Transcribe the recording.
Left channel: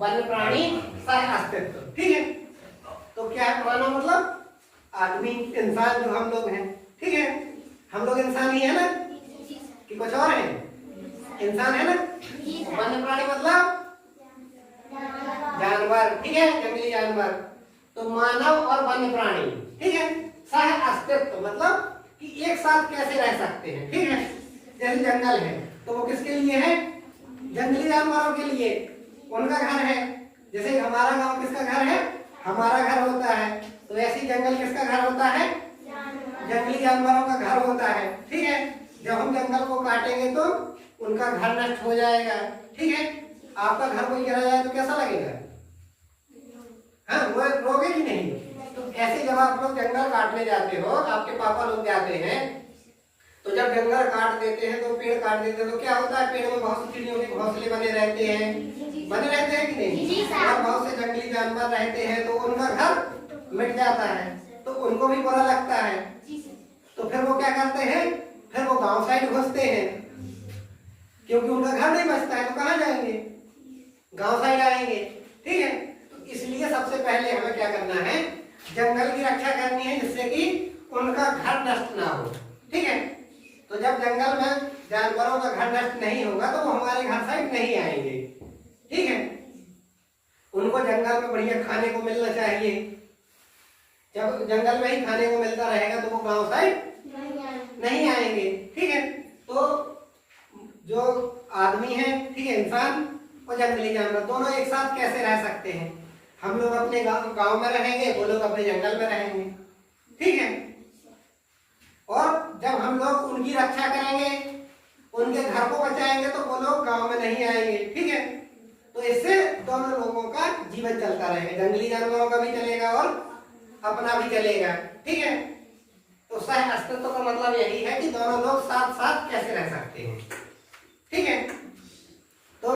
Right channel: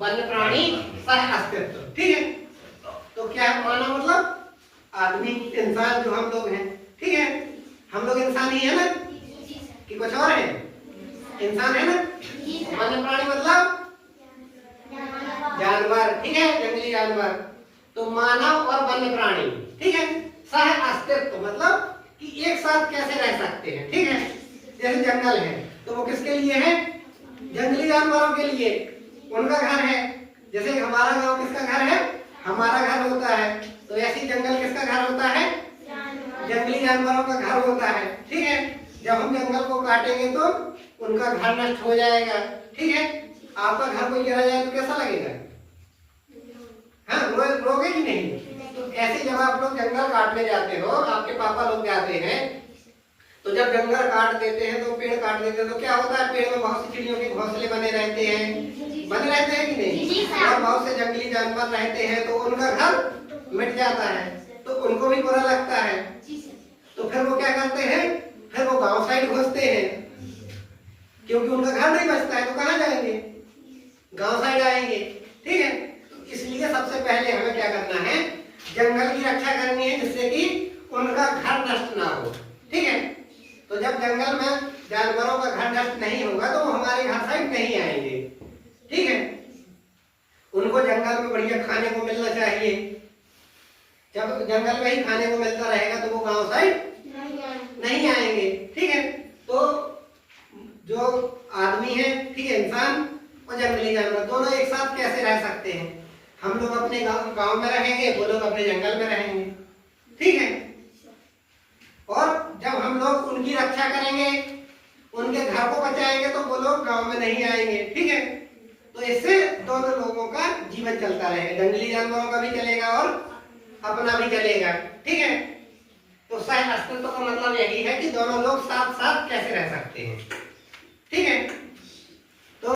वन्य प्राणी सह अस्तित्व। ठीक है, तो क्या है मानव मतलब आदमी, इंसान जो हम लोग हैं। ठीक है, हम लोग इंसान ही है ना कि कुछ और है? इंसान है ना। वन्य प्राणी मतलब जानवर। ठीक है, जंगली जानवर। तो मानव और वन्य प्राणी, ठीक है, सह अस्तित्व मतलब कि एक साथ कैसे रह सकते हैं। ठीक है, जैसे जंगल है तो वो किसके लिए है? जंगली जानवरों के लिए, उनका घर है। जैसे हमारा गांव किसका घर है? हमारा घर होता है। तो ऐसे जंगल किसका घर होता है? जंगली जानवरों का घर होता है। ठीक है, जब हम जंगल को काटेंगे तो उनका घर नष्ट हो जाएगा। ठीक है, आपका घर कोई गिरा जाए तो कैसा लगेगा? हाँ, रोगे कि नहीं? तो ऐसे जब आप लोग जंगल काटने जाते हो, आपके पापा लोग जाते हैं, तो जब जंगल काट देते हैं तो पेड़ काट देते हैं तो क्या होता है? पेड़ में बहुत सी चिड़ियों के घोंसले बने रहते हैं, बने रहते हैं कि नहीं? और बहुत से जंगली जानवर रहते हैं तो उनका घर मिट जाता है, तो उनको भी बुरा लगता है। तो फिर वो क्या करते हैं? फिर वो गांव साइड घुसते हैं, क्योंकि उनका घर नहीं बचता है तो कहाँ जाएंगे? गांव साइड आएंगे। ठीक है, तो इसलिए सबसे पहले हमें क्या करना है? जंगल की रक्षा करनी है, जिससे कि उनका घर नष्ट ना हो। ठीक है, तो जब जंगल में जानवरों का घर नष्ट नहीं होगा तो वो हमारे घर साइड नहीं आएंगे। ठीक है, उनको जंगल में बढ़िया खाने को मिलना चाहिए। जब जंगल में ही खाने को मिलता रहेगा तो वो गांव साइड नहीं आएंगे। ठीक है, तो जो आदमी है, ठीक है, इंसान और जंगली जानवर दोनों एक साथ कैसे रह सकते हैं? हम लोग अपने गांव में रहेंगे, वो लोग अपने जंगल में रहेंगे। ठीक है, और जब हम लोग उनकी रक्षा करेंगे, उनके घर को बचाएंगे तो वो लोग गांव में नहीं आएंगे। ठीक है, तो इससे दोनों लोगों का जीवन चलता रहेगा, जंगली जानवरों का भी चलेगा और अपना भी चलेगा। ठीक है, तो सह अस्तित्व का मतलब यही है कि दोनों लोग साथ साथ कैसे रह सकते हैं।